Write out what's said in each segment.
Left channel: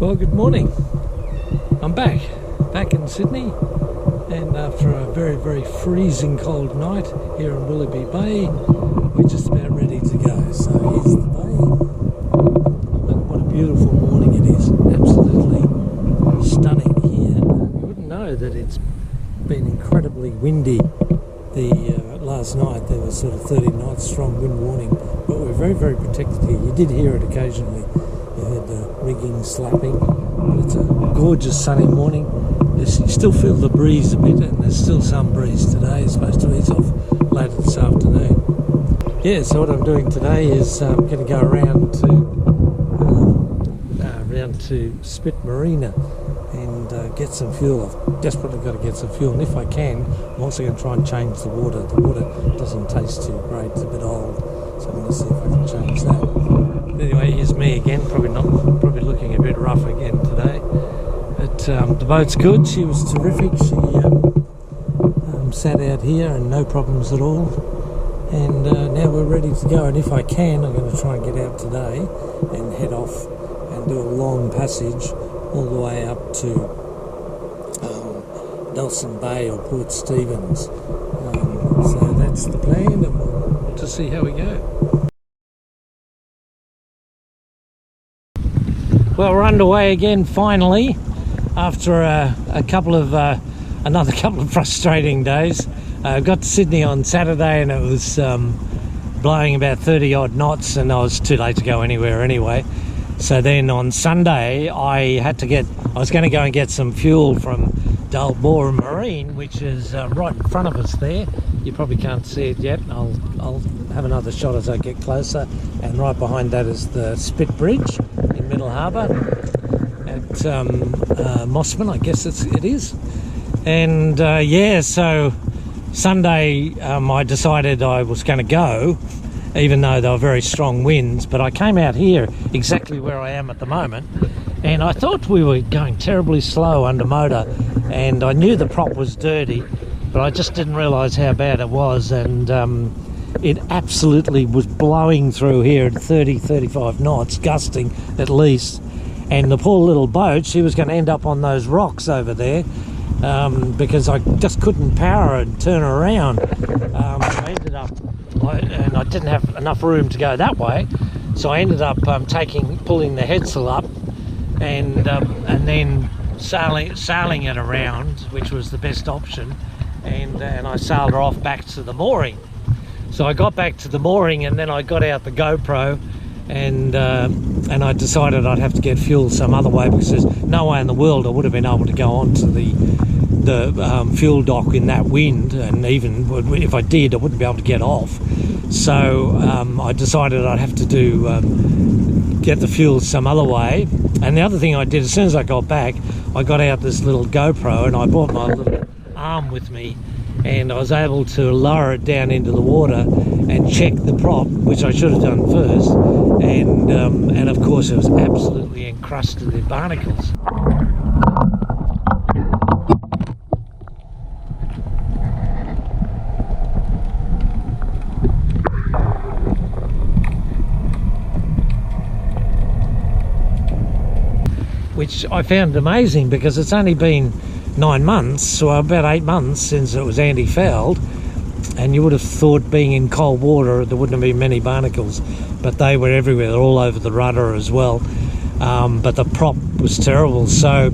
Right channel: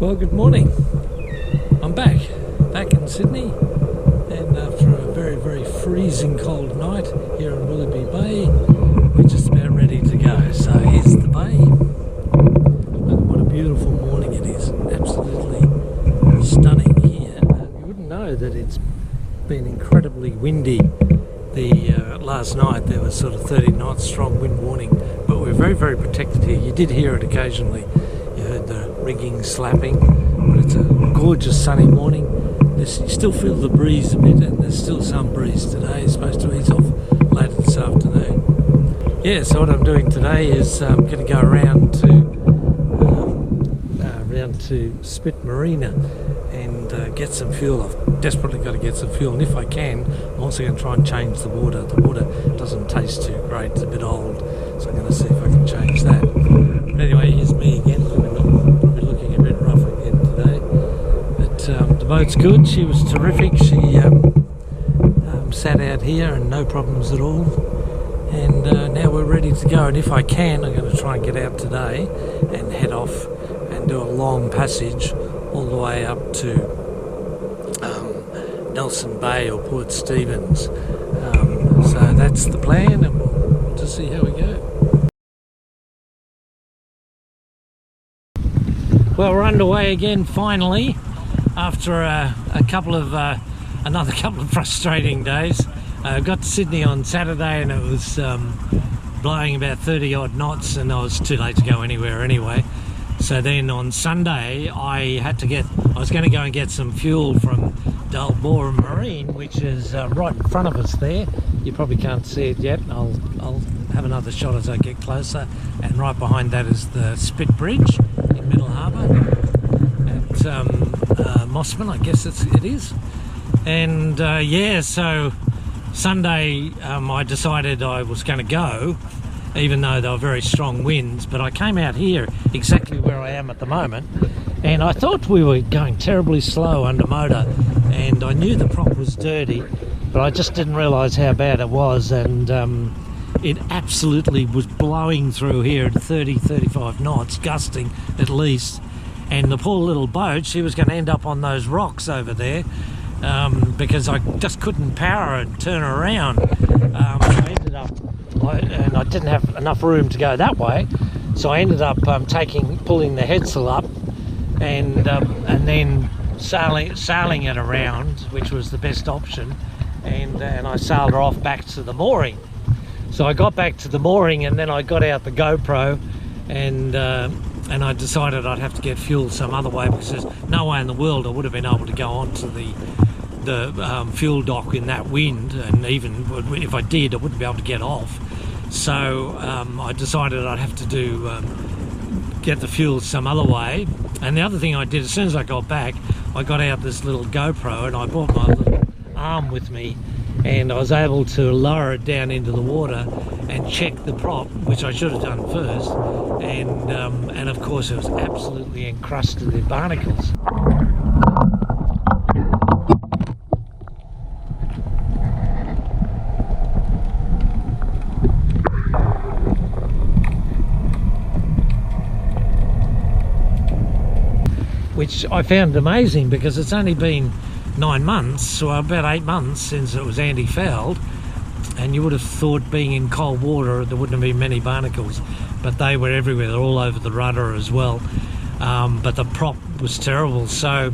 Well, good morning. I'm back in Sydney, and after a very freezing cold night here in Willoughby Bay, we're just about ready to go. So here's the bay. Look at what a beautiful morning it is. Absolutely stunning here. You wouldn't know that it's been incredibly windy. Last night there was sort of 30 knots strong wind warning, but we're very protected here. You did hear it occasionally. You heard the rigging slapping, but it's a gorgeous sunny morning. You still feel the breeze a bit, and there's still some breeze today. It's supposed to ease off later this afternoon. Yeah, so what I'm doing today is I'm going to go around to Spit Marina and get some fuel. I've desperately got to get some fuel, and if I can, I'm also going to try and change the water. The water doesn't taste too great, it's a bit old, so I'm going to see if I can change that. But anyway, here's me again, probably looking a bit rough again today. But the boat's good, she was terrific. She sat out here and no problems at all. And now we're ready to go, and if I can, I'm going to try and get out today and head off and do a long passage all the way up to Nelson Bay or Port Stephens. So that's the plan, and we'll just see how we go. Well, we're underway again finally after another couple of frustrating days. I got to Sydney on Saturday and it was blowing about 30 odd knots, and I was too late to go anywhere anyway. So then on Sunday I was going to go and get some fuel from Dalbora Marine, which is right in front of us there. You probably can't see it yet. I'll have another shot as I get closer. And right behind that is the Spit Bridge in Middle Harbour at Mossman, I guess it is. And yeah, so Sunday I decided I was going to go, even though there were very strong winds, but I came out here exactly where I am at the moment, and I thought we were going terribly slow under motor, and I knew the prop was dirty, but I just didn't realise how bad it was. And it absolutely was blowing through here at 35 knots, gusting at least, and the poor little boat, she was going to end up on those rocks over there, because I just couldn't power and turn her around. So I ended up, and I didn't have enough room to go that way, so I ended up pulling the headsail up and then sailing it around, which was the best option, and I sailed her off back to the mooring. So I got back to the mooring, and then I got out the GoPro, and I decided I'd have to get fuel some other way, because there's no way in the world I would have been able to go onto the fuel dock in that wind, and even if I did, I wouldn't be able to get off. So I decided I'd have to get the fuel some other way. And the other thing I did, as soon as I got back, I got out this little GoPro, and I brought my little arm with me, and I was able to lower it down into the water and check the prop, which I should have done first, and of course it was absolutely encrusted in barnacles. Which I found amazing, because it's only been 9 months, or about 8 months, since it was anti-fouled, and you would have thought, being in cold water, there wouldn't have been many barnacles, but they were everywhere. They're all over the rudder as well. But the prop was terrible, so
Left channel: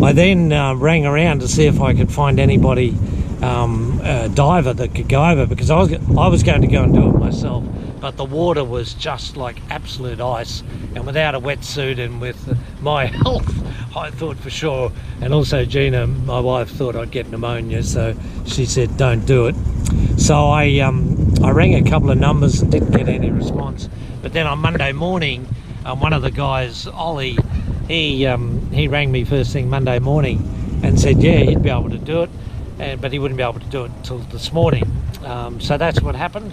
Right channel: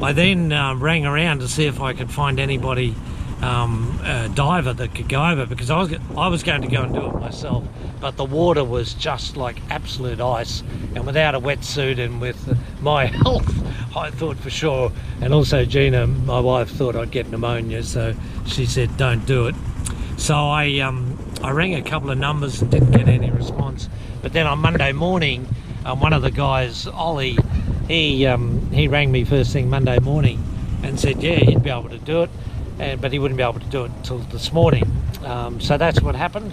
I then rang around to see if I could find anybody, a diver that could go over, because I was going to go and do it myself, but the water was just like absolute ice, and without a wetsuit and with my health, I thought for sure, and also Gina, my wife, thought I'd get pneumonia, so she said don't do it. So I rang a couple of numbers and didn't get any response. But then on Monday morning, one of the guys, Ollie, he rang me first thing Monday morning and said yeah, he'd be able to do it, but he wouldn't be able to do it until this morning. So that's what happened.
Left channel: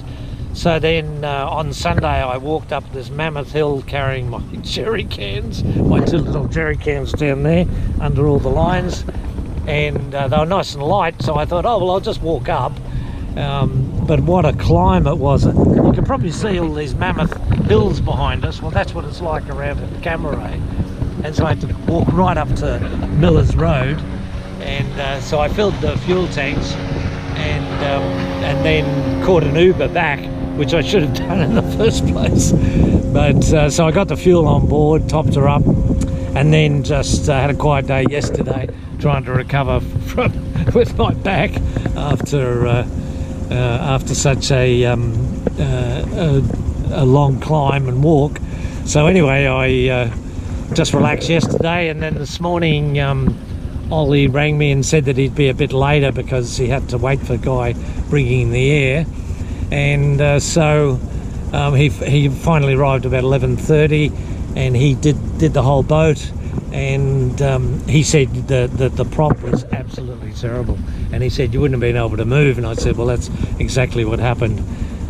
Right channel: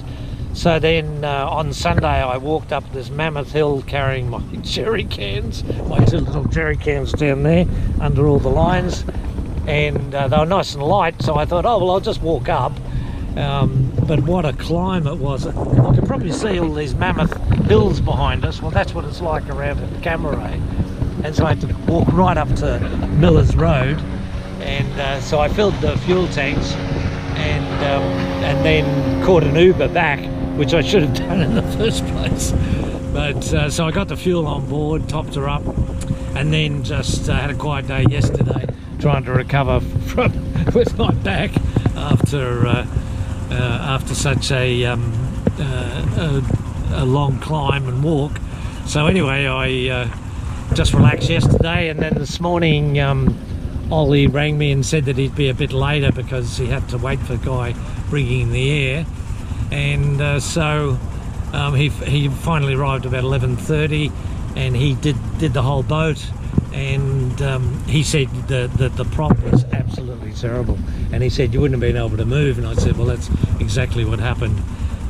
So then on Sunday I walked up this mammoth hill carrying my jerry cans, my 2 little jerry cans down there under all the lines, and they were nice and light, so I thought, oh well, I'll just walk up. But what a climb it was. You can probably see all these mammoth hills behind us. Well, that's what it's like around at Camaray. and so I had to walk right up to Miller's Road, and so I filled the fuel tanks, and then caught an Uber back, which I should have done in the first place. But so I got the fuel on board, topped her up, and then just had a quiet day yesterday, trying to recover from with my back after such a long climb and walk. So anyway, I just relaxed yesterday, and then this morning Ollie rang me and said that he'd be a bit later because he had to wait for a guy bringing in the air, and so he finally arrived about 11:30, and he did the whole boat, and he said that the prop was absolutely terrible, and he said you wouldn't have been able to move, and I said, well, that's exactly what happened.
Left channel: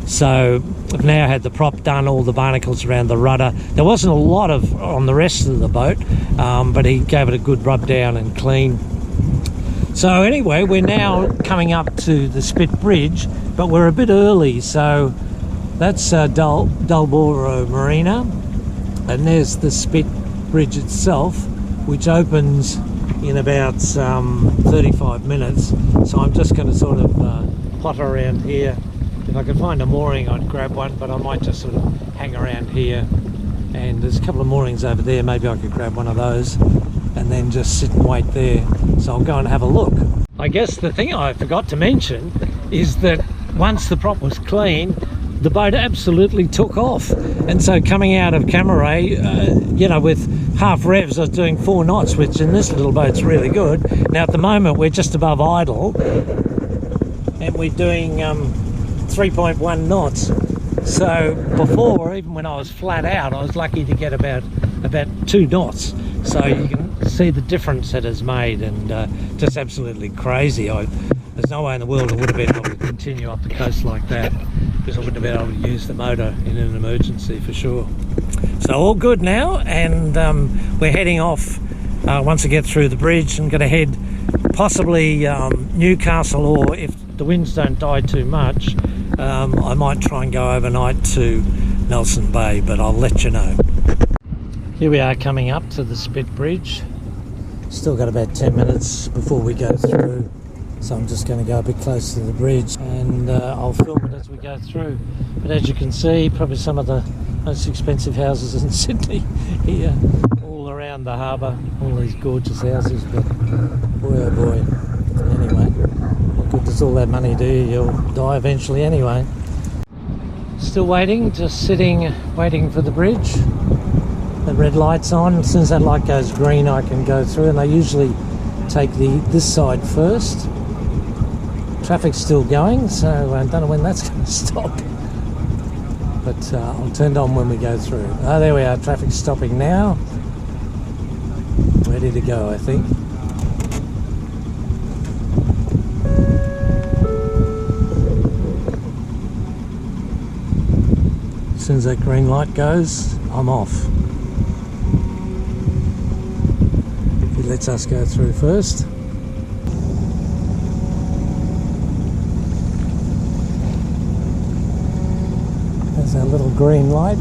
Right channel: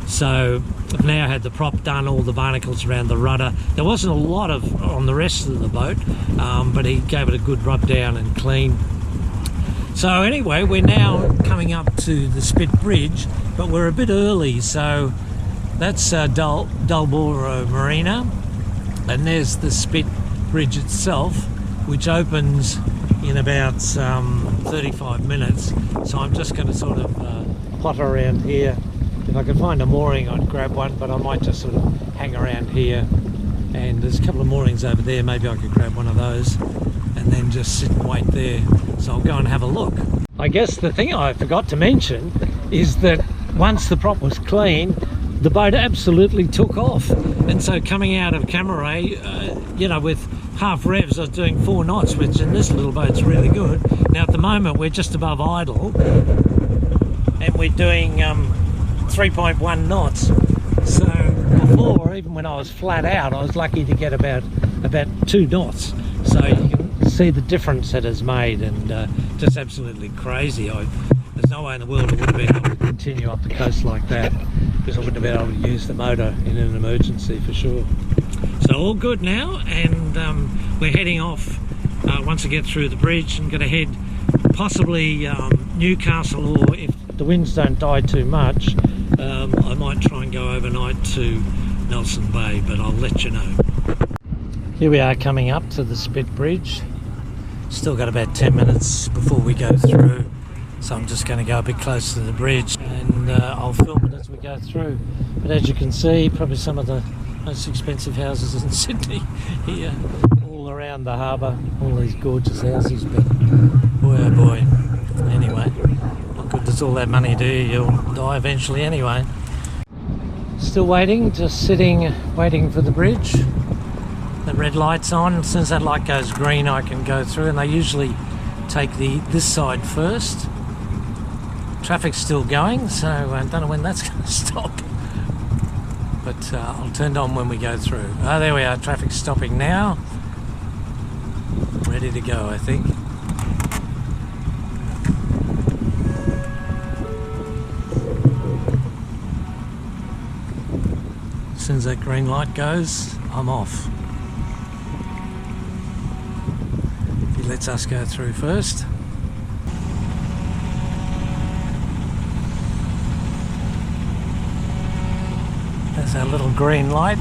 So I've now had the prop done, all the barnacles around the rudder. There wasn't a lot of on the rest of the boat, but he gave it a good rub down and clean. So anyway, we're now coming up to the Spit Bridge, but we're a bit early, so that's Dullborough Marina, and there's the Spit Bridge itself, which opens in about 35 minutes. So I'm just going to sort of potter around here. If I could find a mooring, I'd grab one, but I might just sort of hang around here. And there's a couple of moorings over there, maybe I could grab one of those and then just sit and wait there. So I'll go and have a look. I guess the thing I forgot to mention is that once the prop was clean, the boat absolutely took off. And so coming out of Camaray, you know, with half revs, I was doing 4 knots, which in this little boat's really good. Now at the moment we're just above idle, and we're doing 3.1 knots. So before, even when I was flat out, I was lucky to get about 2 knots. So you can see the difference it has made, and just absolutely crazy. There's no way in the world I would have been able to continue up the coast like that, because I wouldn't have been able to use the motor in an emergency for sure. So all good now, and we're heading off once I get through the bridge. I'm going to head possibly Newcastle, or if the winds don't die too much, I might try and go overnight to Nelson Bay, but I'll let you know. Here we are coming up to the Spit Bridge. Still got about 10 minutes before we go through, so I'm just going to go a bit closer to the bridge, and I'll film it as we go through. But as you can see, probably some of the most expensive houses in Sydney here, all around the harbour, all these gorgeous houses, but boy oh boy. Anyway, what good does all that money do? You'll die eventually anyway. Still waiting, just sitting, waiting for the bridge. The red light's on. As soon as that light goes green, I can go through, and they usually take this side first. Traffic's still going, so I don't know when that's going to stop. But I'll turn it on when we go through. Oh, there we are. Traffic's stopping now. Ready to go, I think. As soon as that green light goes, I'm off. He lets us go through first. There's our little green light.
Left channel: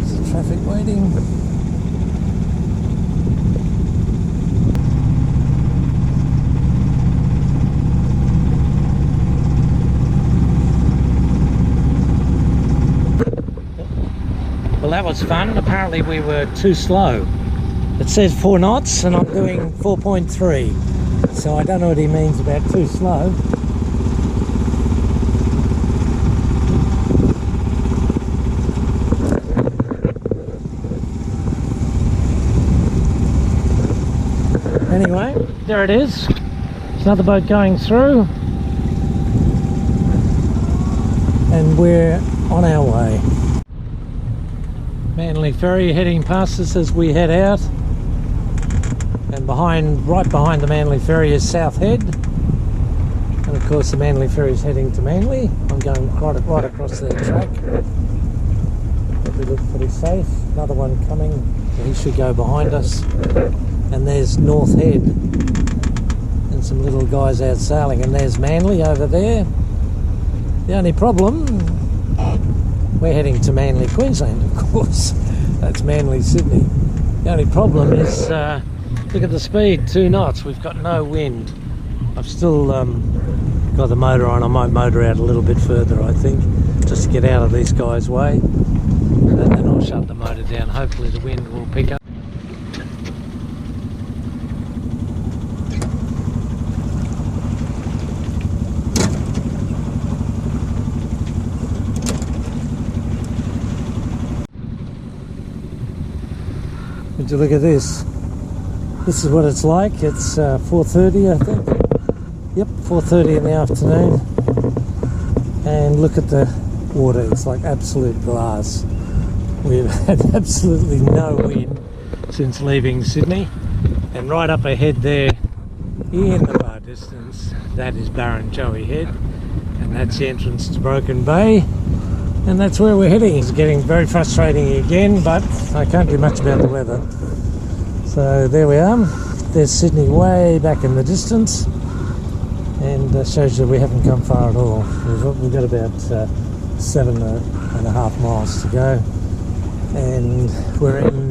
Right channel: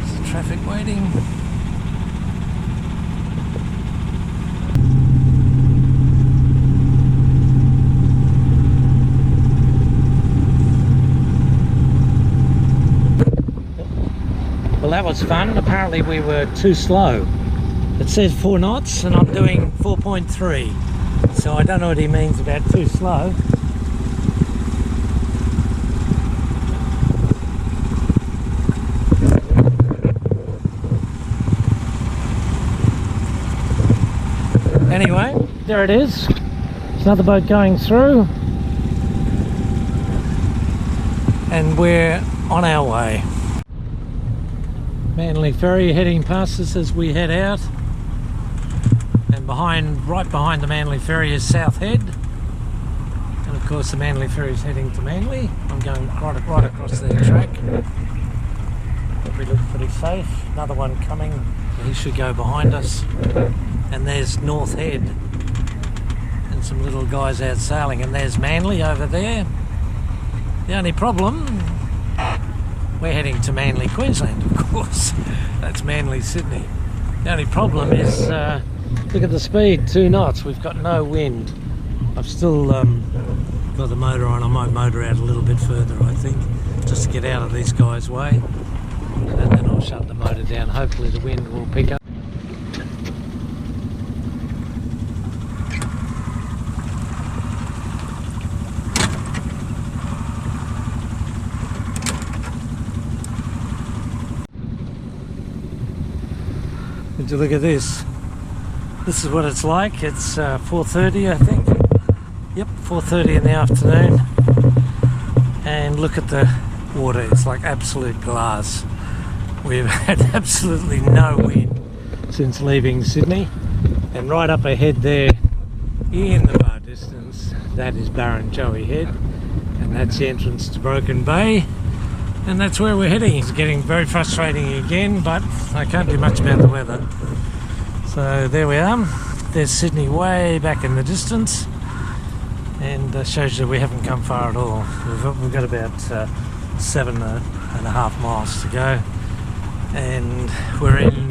There's the traffic waiting. Well, that was fun. Apparently we were too slow. It says 4 knots and I'm doing 4.3. So I don't know what he means about too slow. Anyway, there it is. There's another boat going through. And we're on our way. Manly Ferry heading past us as we head out, and right behind the Manly Ferry is South Head, and of course the Manly Ferry is heading to Manly. I'm going right across their track. Probably look pretty safe. Another one coming, so he should go behind us. And there's North Head, and and some little guys out sailing, and there's Manly over there. The only problem, we're heading to Manly, Queensland, of course. That's Manly, Sydney. The only problem is, look at the speed, 2 knots. We've got no wind. I've still got the motor on. I might motor out a little bit further, I think, just to get out of these guys' way. And then I'll shut the motor down. Hopefully the wind will pick up. Would you look at this? This is what it's like. It's 4:30, I think. Yep, 4:30 in the afternoon. And look at the water. It's like absolute glass. We've had absolutely no wind since leaving Sydney. And right up ahead there, in the far distance, that is Barrenjoey Head. And that's the entrance to Broken Bay. And that's where we're heading. It's getting very frustrating again, but I can't do much about the weather. So there we are. There's Sydney way back in the distance, and shows you we haven't come far at all. We've got about 7.5 miles to go, and we're in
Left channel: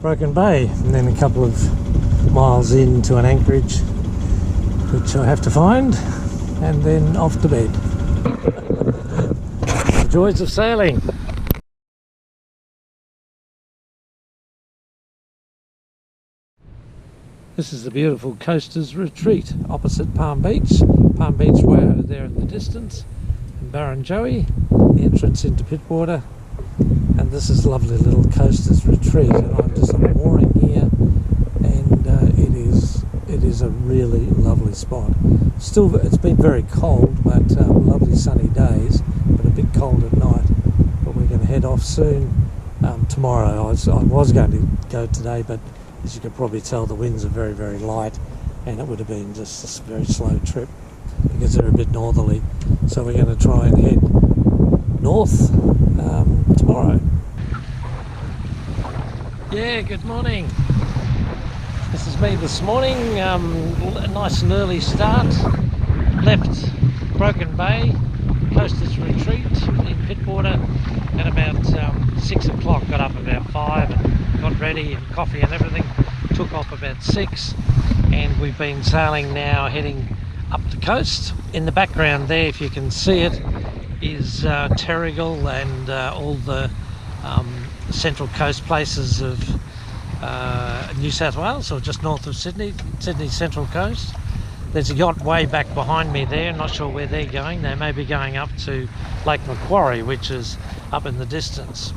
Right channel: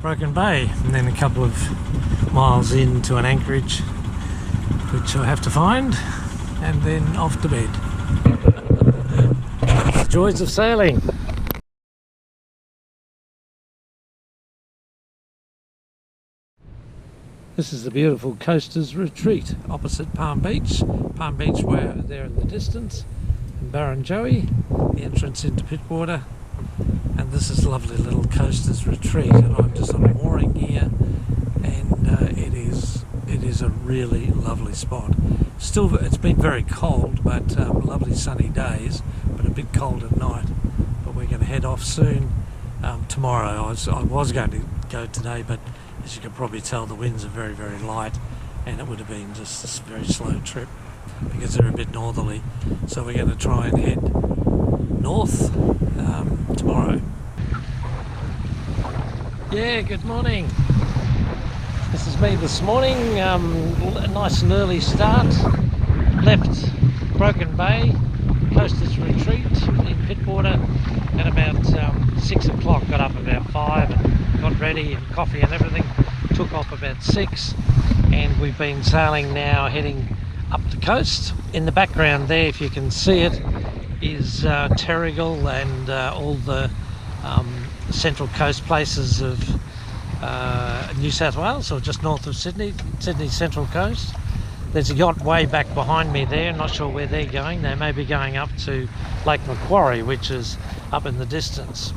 Broken Bay, and then a couple of miles into an anchorage, which I have to find, and then off to bed. The joys of sailing. This is the beautiful Coasters Retreat opposite Palm Beach. Palm Beach way over there in the distance. And Barrenjoey, the entrance into Pittwater. And this is lovely little Coasters Retreat. And I'm just on a mooring here. And it is a really lovely spot. Still, it's been very cold, but lovely sunny days, but a bit cold at night. But we're going to head off soon. Tomorrow, I was going to go today, but as you can probably tell, the winds are very, very light, and it would have been just a very slow trip because they're a bit northerly. So we're going to try and head north tomorrow. Yeah, good morning. This is me this morning. A nice and early start. Left Broken Bay, Coasters Retreat in Pittwater at about 6 o'clock. Got up about 5 and got ready and coffee and everything. Took off about 6, and we've been sailing now, heading up the coast. In the background there, if you can see it, is Terrigal and all the central coast places of New South Wales, or just north of Sydney Central Coast. There's a yacht way back behind me there. Not sure where they're going. They may be going up to Lake Macquarie, which is up in the distance,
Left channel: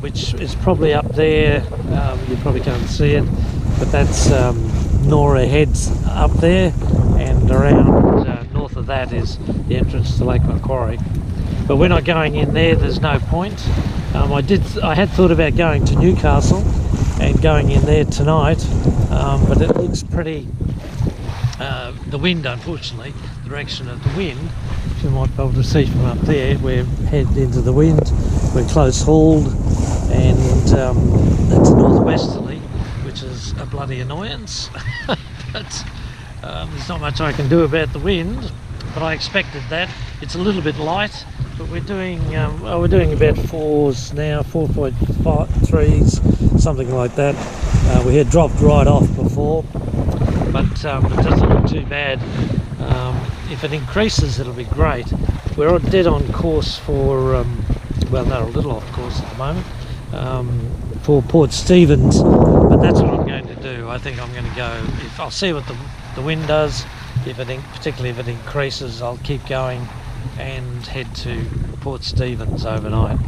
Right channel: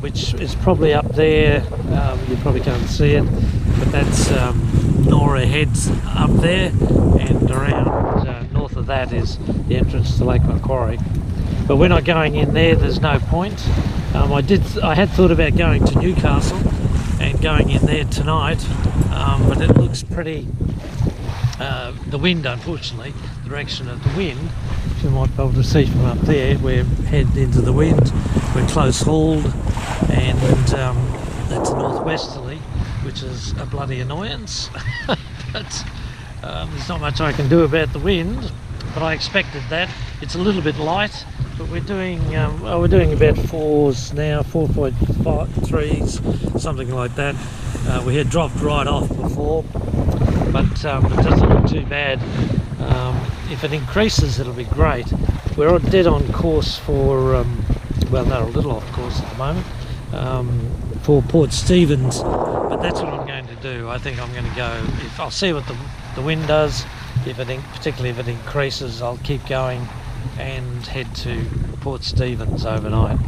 which is probably up there. You probably can't see it, but that's Nora Heads up there, and around north of that is the entrance to Lake Macquarie. But we're not going in there. There's no point. I had thought about going to Newcastle and going in there tonight, but it looks pretty. The wind, unfortunately, the direction of the wind, you might be able to see from up there, we're headed into the wind, we're close hauled, and it's northwesterly, which is a bloody annoyance. But there's not much I can do about the wind, but I expected that. It's a little bit light, but we're doing about 4s now, 4.3s, something like that. We had dropped right off before, but it doesn't look too bad. If it increases, it'll be great. We're dead on course for, well, no, a little off course at the moment, for Port Stephens, but that's what I'm going to do. I think I'm going to go, I'll see what the wind does. Particularly if it increases, I'll keep going and head to Port Stephens overnight.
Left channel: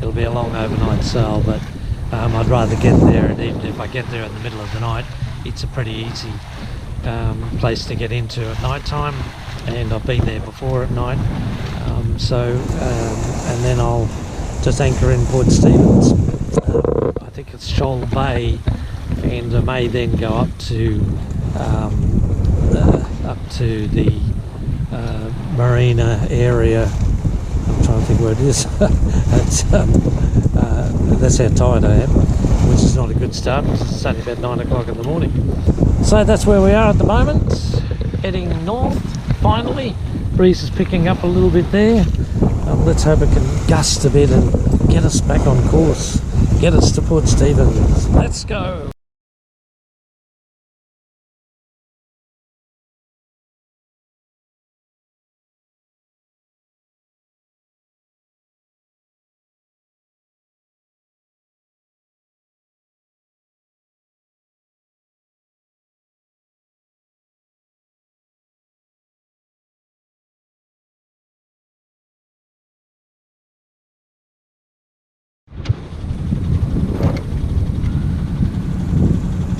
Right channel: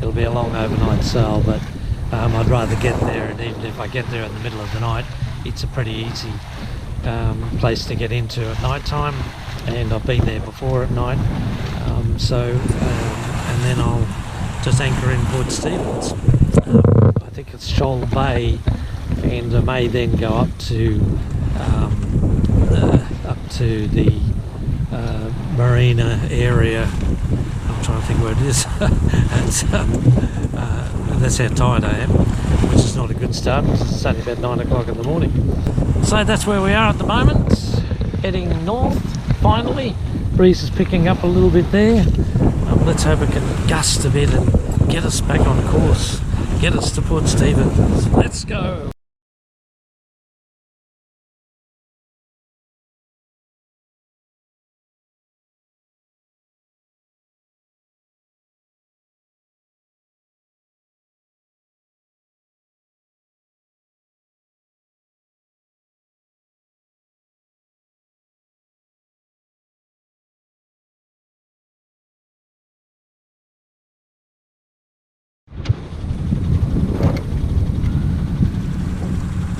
It'll be a long overnight sail, but I'd rather get there, and even if I get there in the middle of the night, it's a pretty easy place to get into at night time, and I've been there before at night. And then I'll just anchor in Port Stephens. I think it's Shoal Bay, and I may then go up to the marina area. I'm trying to think where it is. That's how tired I am, which is not a good start because it's only about 9 o'clock in the morning. So that's where we are at the moment, heading north finally. Breeze is picking up a little bit there. Let's hope it can gust a bit and get us back on course, get us to Port Stephens. Let's go.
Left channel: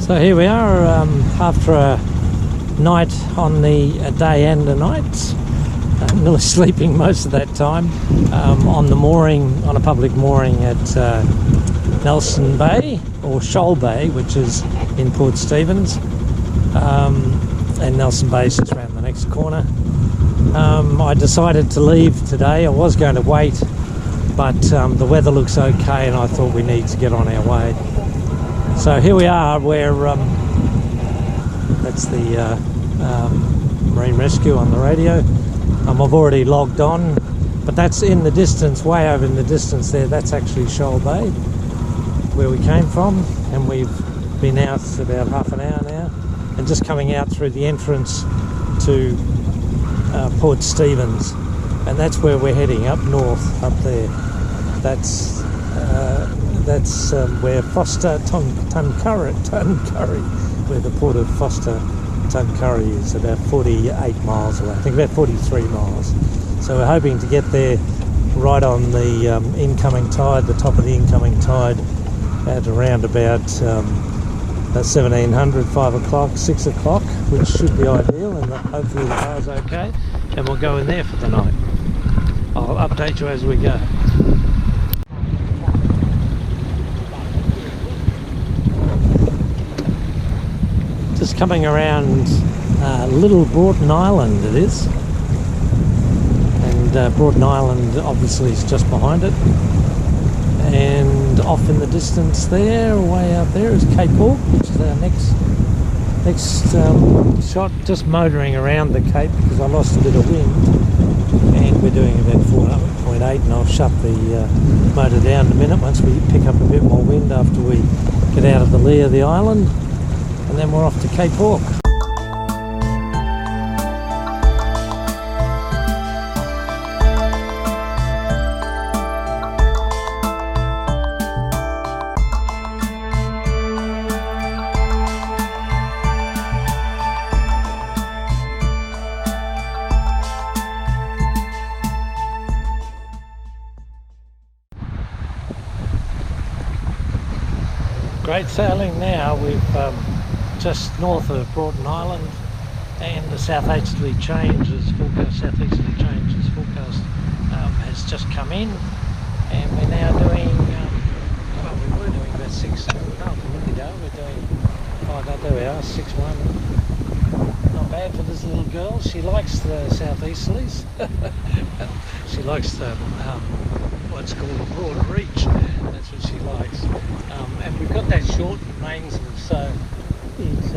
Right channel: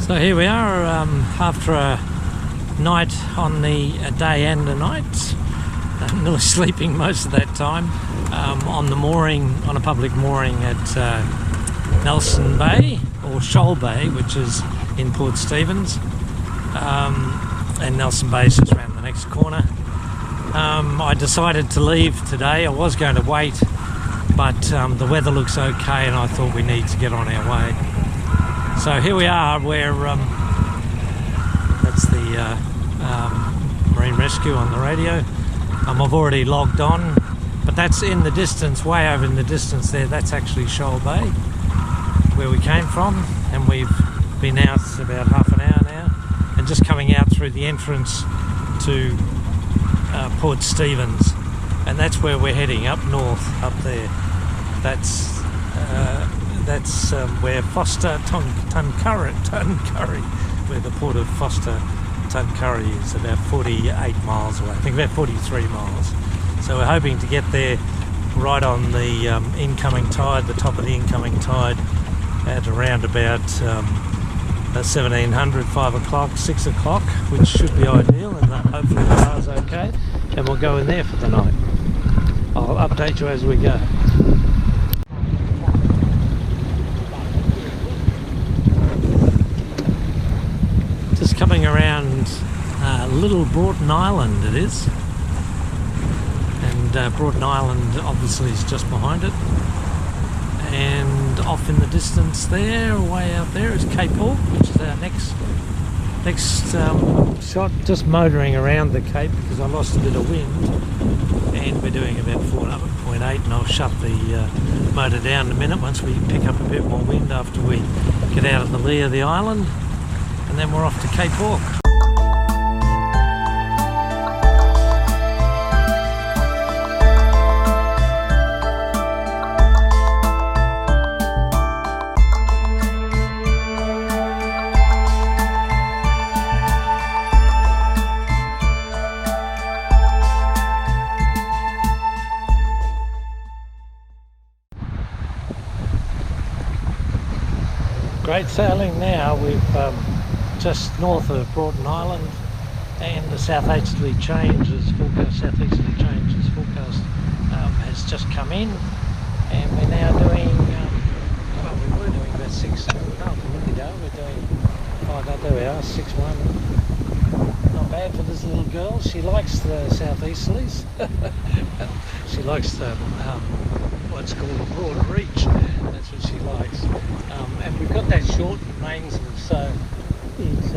So here we are after a night on a day and a night. Nearly sleeping most of that time on the mooring, on a public mooring at Nelson Bay, or Shoal Bay, which is in Port Stephens. And Nelson Bay is just around the next corner. I decided to leave today. I was going to wait, but the weather looks okay and I thought we need to get on our way. So here we are, where that's the Marine Rescue on the radio. I've already logged on, but that's in the distance, way over in the distance there. That's actually Shoal Bay, where we came from, and we've been out about half an hour now, and just coming out through the entrance to Port Stephens, and that's where we're heading, up north, up there. That's where Foster Tuncurry, where the port of Foster Tuncurry is, about 48 miles away, I think about 43 miles. So we're hoping to get there right on the incoming tide, the top of the incoming tide, at around about 1700, 5 o'clock, 6 o'clock, which should be ideal, and hopefully the bar's okay, and we'll go in there for the night. I'll update you as we go. Just coming around Little Broughton Island it is, and Broughton Island obviously is just behind it, and off in the distance there, way out there, is Cape Hawke, which is our next shot. Just motoring around the Cape because I lost a bit of wind, and we're doing about 4.8, and I'll shut the motor down in a minute once we pick up a bit more wind after we get out of the lee of the island. And then we're off to Cape Hawke. Great sailing now. We've just north of Broughton Island, and the southeasterly change is forecast. Has just come in, and we're now doing. Well, we were doing about 6. No, a minute ago we're doing. Oh, no, there we are, 6-1. Not bad for this little girl. She likes the southeasterlies. She likes the what's called a broad reach. That's what she likes. And we've got that shortened mainsail, so it's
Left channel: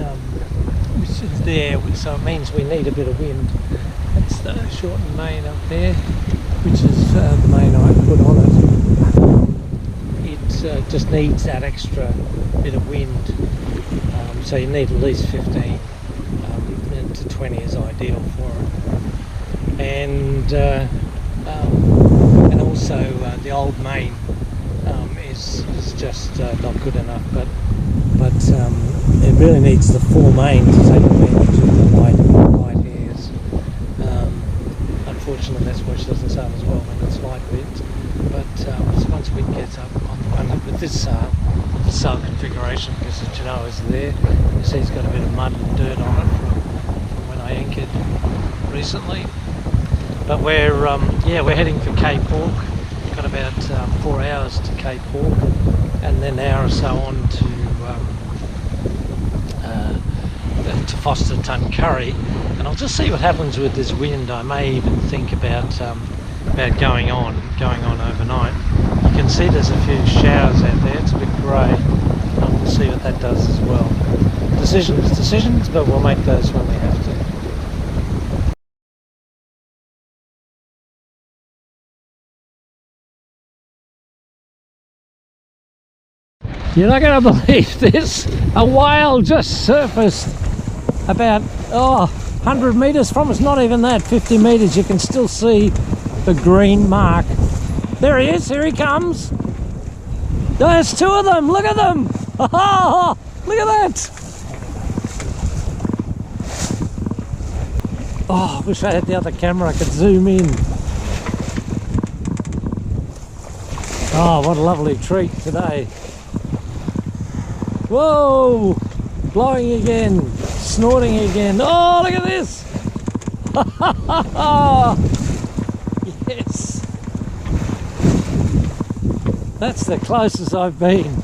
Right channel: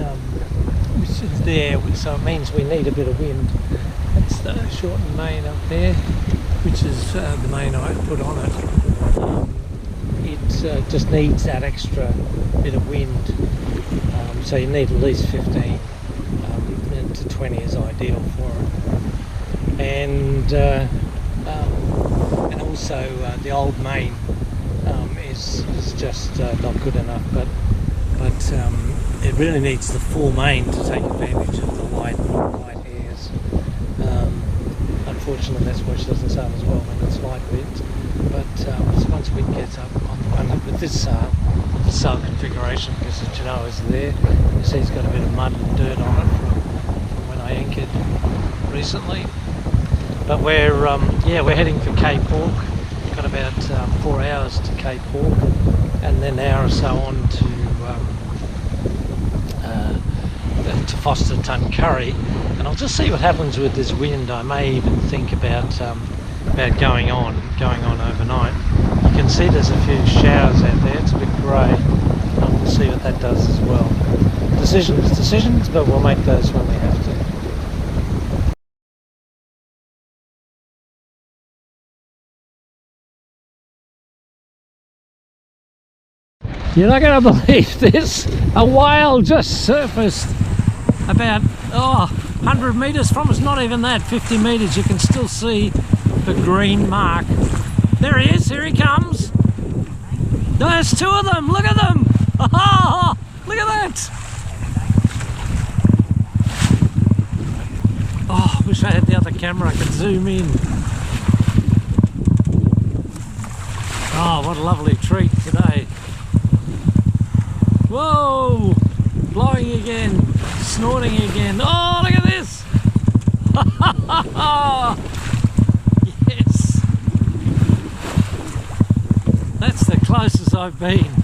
there, so it means we need a bit of wind. That's the shortened main up there, which is the main I put on it. It just needs that extra bit of wind, so you need at least 15 to 20 is ideal for it. And also the old main is just not good enough, but it really needs the full main to take advantage of the light airs. Unfortunately, that's why she doesn't sail as well when it's light winds. But once we get up on the one with this sail configuration, because as you know is there, you see it's got a bit of mud and dirt on it from when I anchored recently. But we're heading for Cape Hawke. Got about 4 hours to Cape Hawke, and then an hour or so on to Foster Tuncurry, and I'll just see what happens with this wind. I may even think about going on overnight. You can see there's a few showers out there. It's a bit grey. We'll see what that does as well. decisions, but we'll make those when we have to. You're not going to believe this. A whale just surfaced about 100 metres from us, not even that, 50 metres. You can still see the green mark. There he is, here he comes. There's two of them, look at them. Oh, look at that. Oh, I wish I had the other camera, I could zoom in. Oh, what a lovely treat today. Whoa, blowing again, snorting again. Oh, look at this. Yes. That's the closest I've been.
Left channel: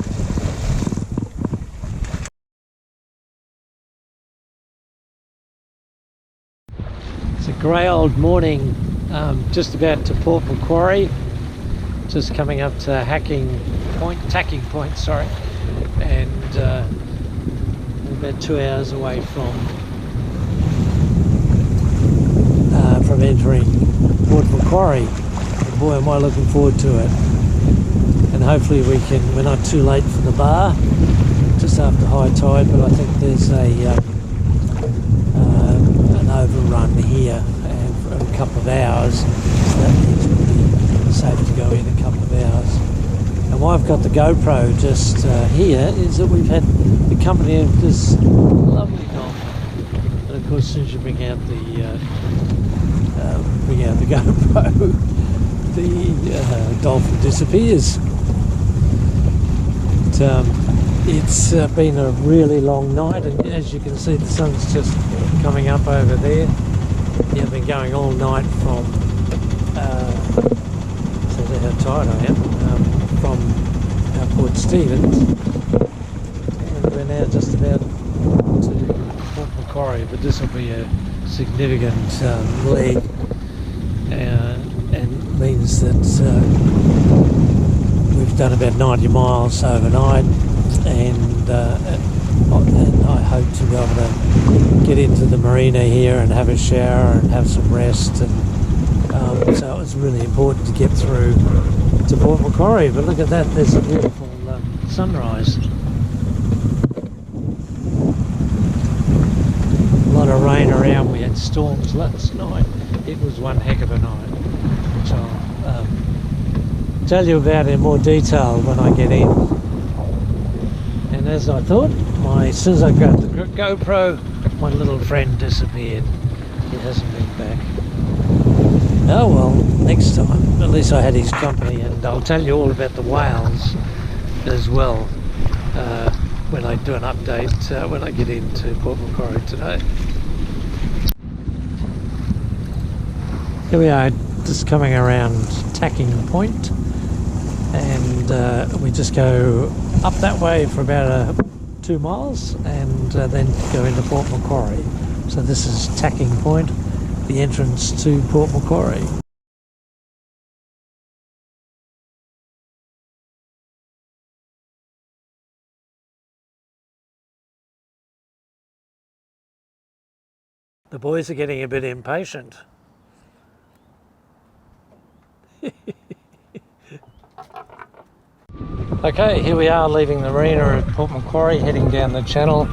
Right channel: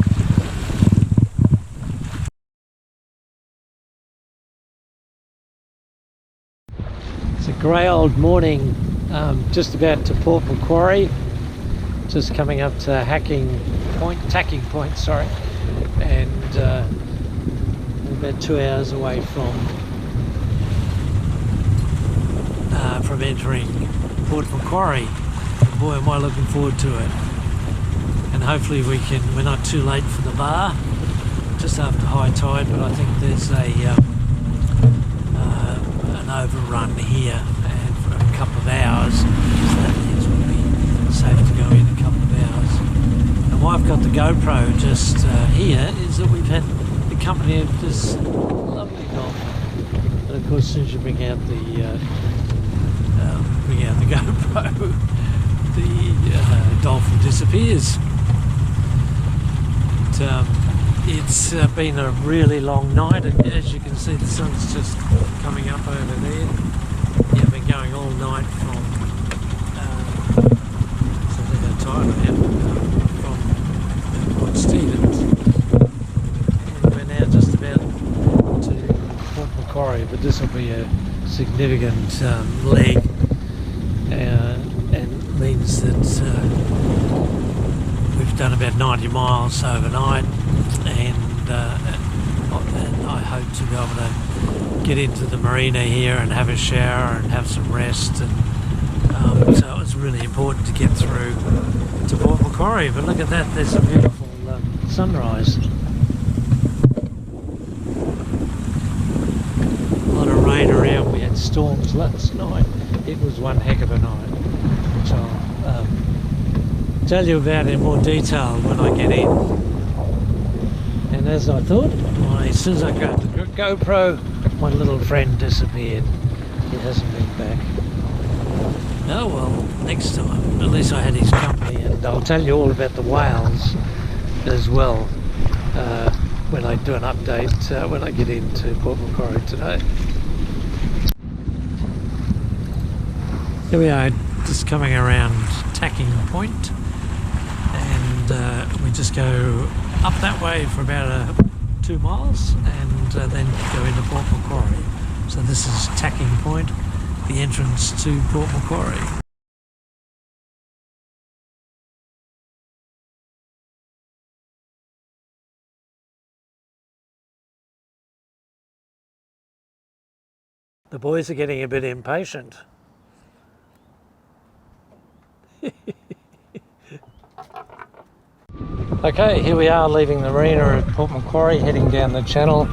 It's a grey old morning, just about to Port Macquarie, just coming up to Tacking Point, sorry, and about 2 hours away from entering Port Macquarie. And boy, am I looking forward to it. And hopefully we're not too late for the bar, just after high tide, but I think there's an overrun here and for a couple of hours, so that means we'll be safe to go in a couple of hours. And why I've got the GoPro just here is that we've had the company of this lovely dolphin, and of course as soon as you bring out the GoPro, the dolphin disappears. It's been a really long night, and as you can see the sun's just coming up over there. Yeah, I've been going all night from so that's how tired I am, from Port Stephens, and we're now just about to Port Macquarie, but this will be a significant leg, and means that we've done about 90 miles overnight, and I hope to be able to get into the marina here and have a shower and have some rest, and so it was really important to get through to Port Macquarie. But look at that, there's a beautiful sunrise. A lot of rain around, we had storms last night. It was one heck of a night, which I'll tell you about in more detail when I get in. And as I thought, as soon as I got the GoPro, my little friend disappeared. He hasn't been back. Oh well, next time. At least I had his company, and I'll tell you all about the whales as well when I do an update when I get into Port Macquarie today. Here we are, just coming around Tacking Point, and we just go up that way for about 2 miles, and then go into Port Macquarie. So this is Tacking Point, the entrance to Port Macquarie. The boys are getting a bit impatient. Okay, here we are leaving the marina at Port Macquarie, heading down the channel,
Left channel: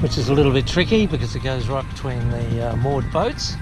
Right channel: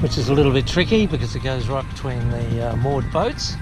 which is a little bit tricky because it goes right between the moored boats.